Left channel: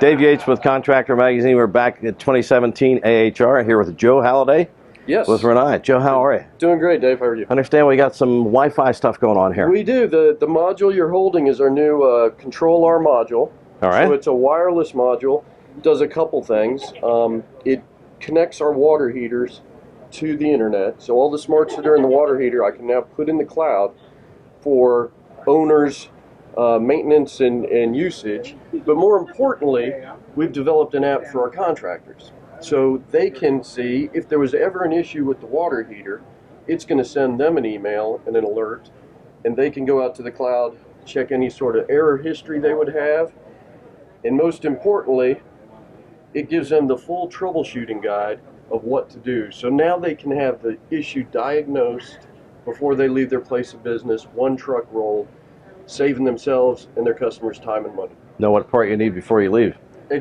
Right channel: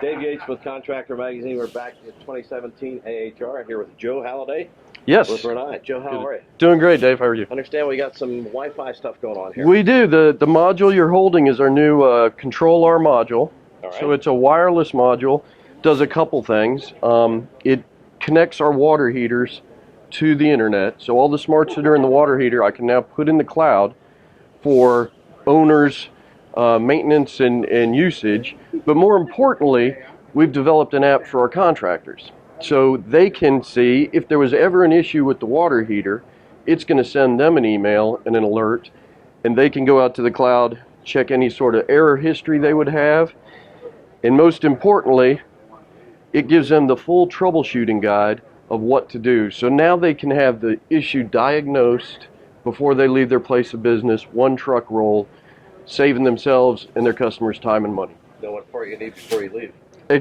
Dave Yates with Contractor Magazine. We're back at 2017 AHR here with Joe Halliday. Yes. With Rinnai. Joe, how are you? Doing great, Dave. How are you? I understand we got some Wi-Fi stuff going on here. We do. The module you're holding is our new Control R module. All right. So it's a wireless module. It does a couple things. It connects our water heaters to the internet. So all the smarts that are in the water heater, I can now put in the cloud for owners, maintenance and usage. But more importantly, we've developed an app for our contractors. So they can see if there was ever an issue with the water heater, it's going to send them an email and an alert, and they can go out to the cloud, check any sort of error history they would have, and most importantly, it gives them the full troubleshooting guide of what to do. So now they can have the issue diagnosed before they leave their place of business, one truck roll, saving themselves and their customers time and money. Know what part you need before you leave.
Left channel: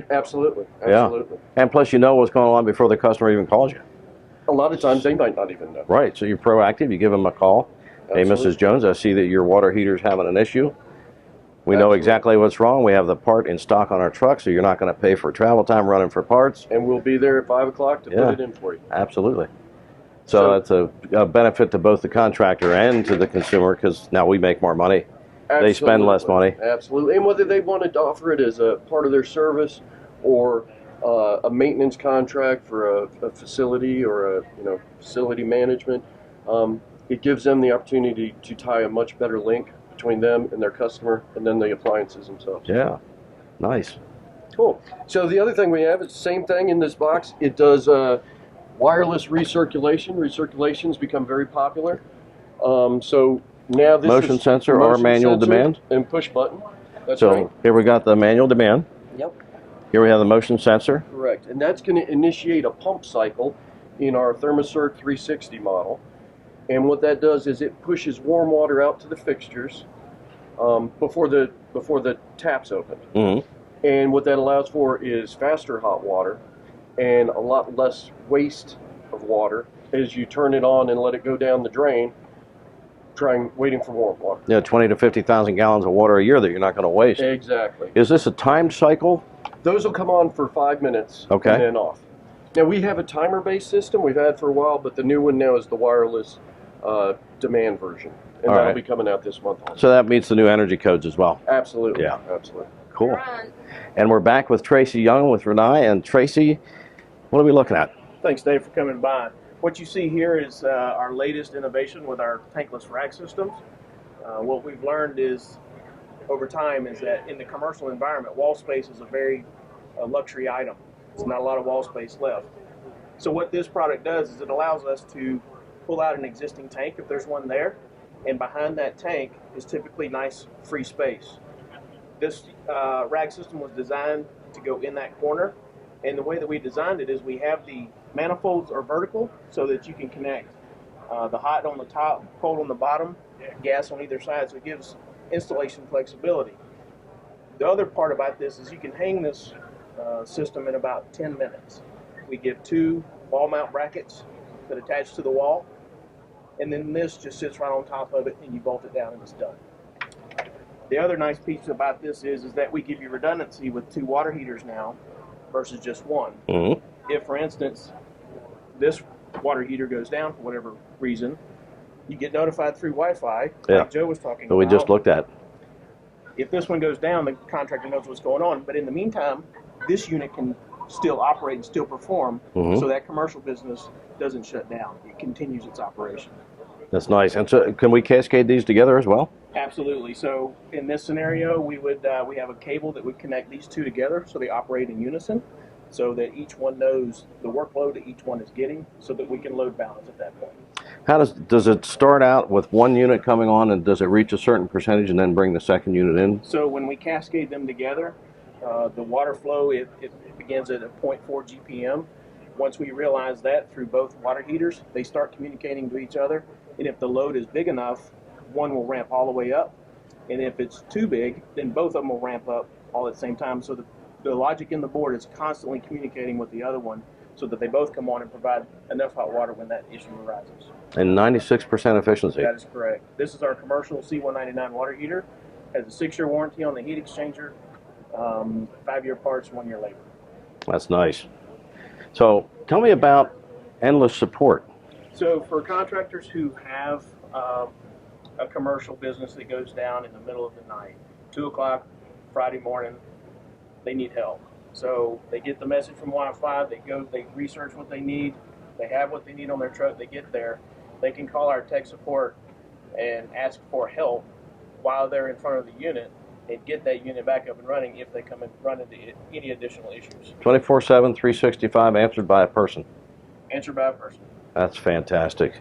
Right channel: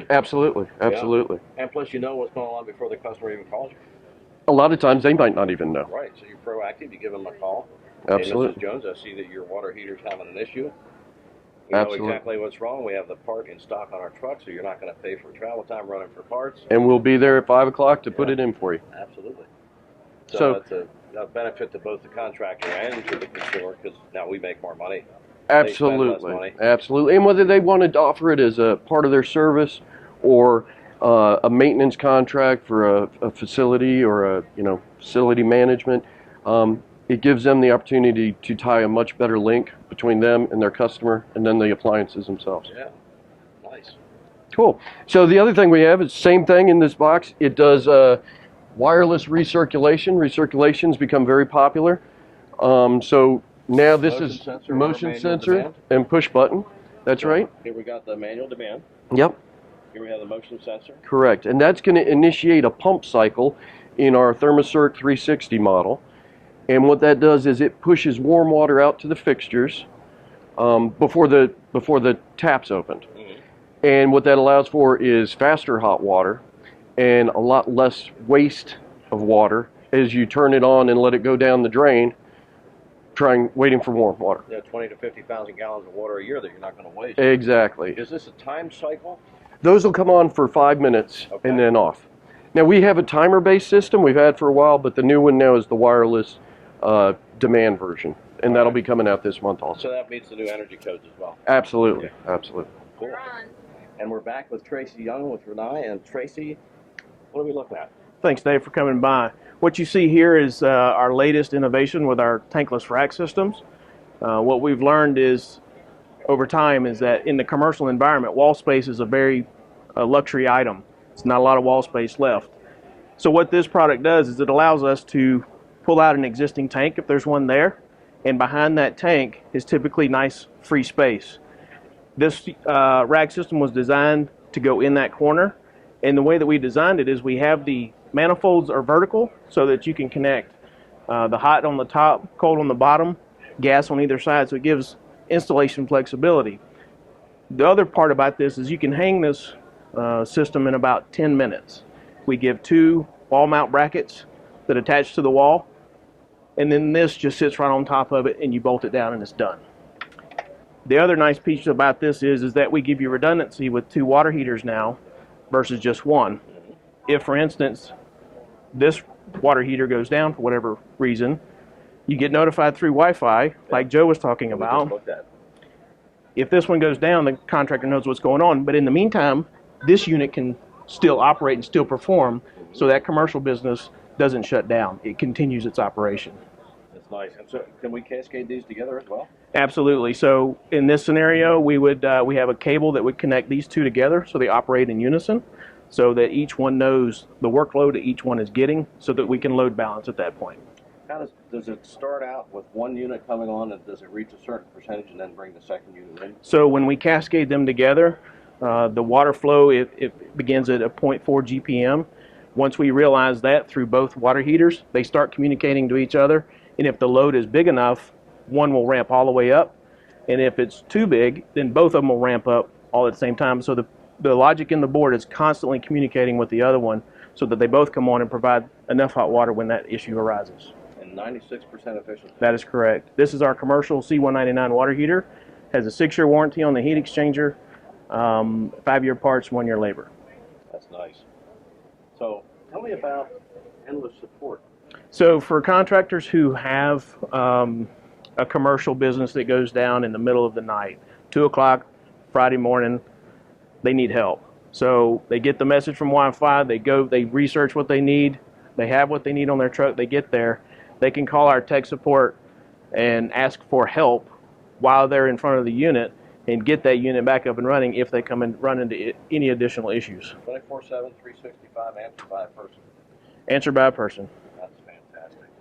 Absolutely, absolutely. Yeah. And plus you know what's going on before the customer even calls you. A lot of times they might not even know. Right, so you're proactive, you give them a call. Absolutely. Hey, Mrs. Jones, I see that your water heater's having an issue. We know Absolutely. exactly what's wrong. We have the part in stock on our truck, so you're not going to pay for travel time running for parts. And we'll be there at 5 o'clock to put it in for you. Absolutely. So that's a benefit to both the contractor and to the consumer, because now we make more money. Absolutely. They spend less money. Absolutely. And whether they wanted to offer it as a part of their service or a maintenance contract for a facility or a facility management, it gives them the opportunity to tie a much better link between them and their customer and then the appliances themselves. Yeah. Nice. Cool. So the other thing we have is the same thing in this box. It does wireless recirculation. Recirculation's become very popular. So now this motion is sensor or manual sensor demand and push button. That's so right. Here we got the manual demand. Yep. Here we have the motion sensor. Correct. And that's going to initiate a pump cycle in our ThermoCirc 360 model. And what that does is it pushes warm water out to the fixtures before the tap's opened. Mm-hmm. And what that allows for is faster hot water and a lot less waste of water as you turn it on and let it go down the drain, waiting for warm water. Yeah, 20 to 50,000 gallons of water a year that you're not going to waste. Exactly. Is this a timed cycle? Those will come on for 5 minutes and then off. Now we have a timer-based system we've had for a while, but the new one now is the wireless demand version, and that'll be coming out this month also. So that meets the new energy codes as well. Absolutely. Yeah. Absolutely. Cool. And we're back with Tracy Young with Rinnai. And Tracy, what are we looking at? Thanks, Dave, for coming by. What you see here is our latest innovation with our tankless rack systems. What we've learned is over time is that in the commercial environment, wall space is a very luxury item. It's not a lot of wall space left. So what this product does is it allows us to pull out an existing tank if there's one there, and behind that tank is typically nice free space. This rack system was designed to go in that corner, and the way that we designed it is we have the manifolds are vertical so that you can connect the hot on the top, cold on the bottom, gas on either side, so it gives installation flexibility. The other part about this is you can hang this system in about 10 minutes. We give 2 wall mount brackets that attach to the wall, and then this just sits right on top of it and you bolt it down and it's done. The other nice piece about this is that we give you redundancy with 2 water heaters now versus just one. Mm-hmm. If, for instance, this water heater goes down for whatever reason, you get notified through Wi-Fi, like Joe was talking about. We just looked at. If this one goes down, the contractor knows what's going on. But in the meantime, this unit can still operate and still perform, so that commercial business doesn't shut down. It continues its operation. That's nice. And so can we cascade these together as well? Absolutely. So in this scenario, we have a cable that would connect these 2 together so they operate in unison, so that each one knows the workload that each one is getting, so that we can load balance at that point. How does it start out with one unit coming on, and does it reach a certain percentage and then bring the second unit in? So when we cascade them together, the water flow it begins at a 0.4 GPM. Once we realize that through both water heaters, they start communicating to each other, and if the load is big enough, one will ramp all the way up, and if it's too big, then both of them will ramp up all at the same time. So the logic in the board is constantly communicating with the other one so that they both come on and provide enough hot water when that issue arises. And 96% efficiency. That is correct. This is our commercial C199 water heater. Has a 6-year warranty on the heat exchanger. 5-year parts, 1-year labor. That's nice. So tell me about endless support. So for contractors who have a commercial business that goes down in the middle of the night, 2 o'clock Friday morning, they need help. So they get the message from Wi-Fi, they go, they research what they need, they have what they need on their truck, they get there, they can call our tech support and ask for help while they're in front of the unit and get that unit back up and running if they come and run into any additional issues. 24/7, 365, answered by a person. Answered by a person. That's fantastic.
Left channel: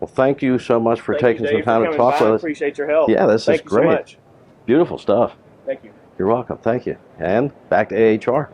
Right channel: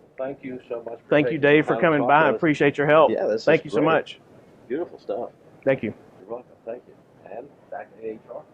Well, thank you so much for Thank you, taking Dave, some for time to coming talk by. to I us. appreciate your help. Yeah, this is Thank you great. so much. Beautiful stuff. Thank you. You're welcome. Thank you. And back to AHR.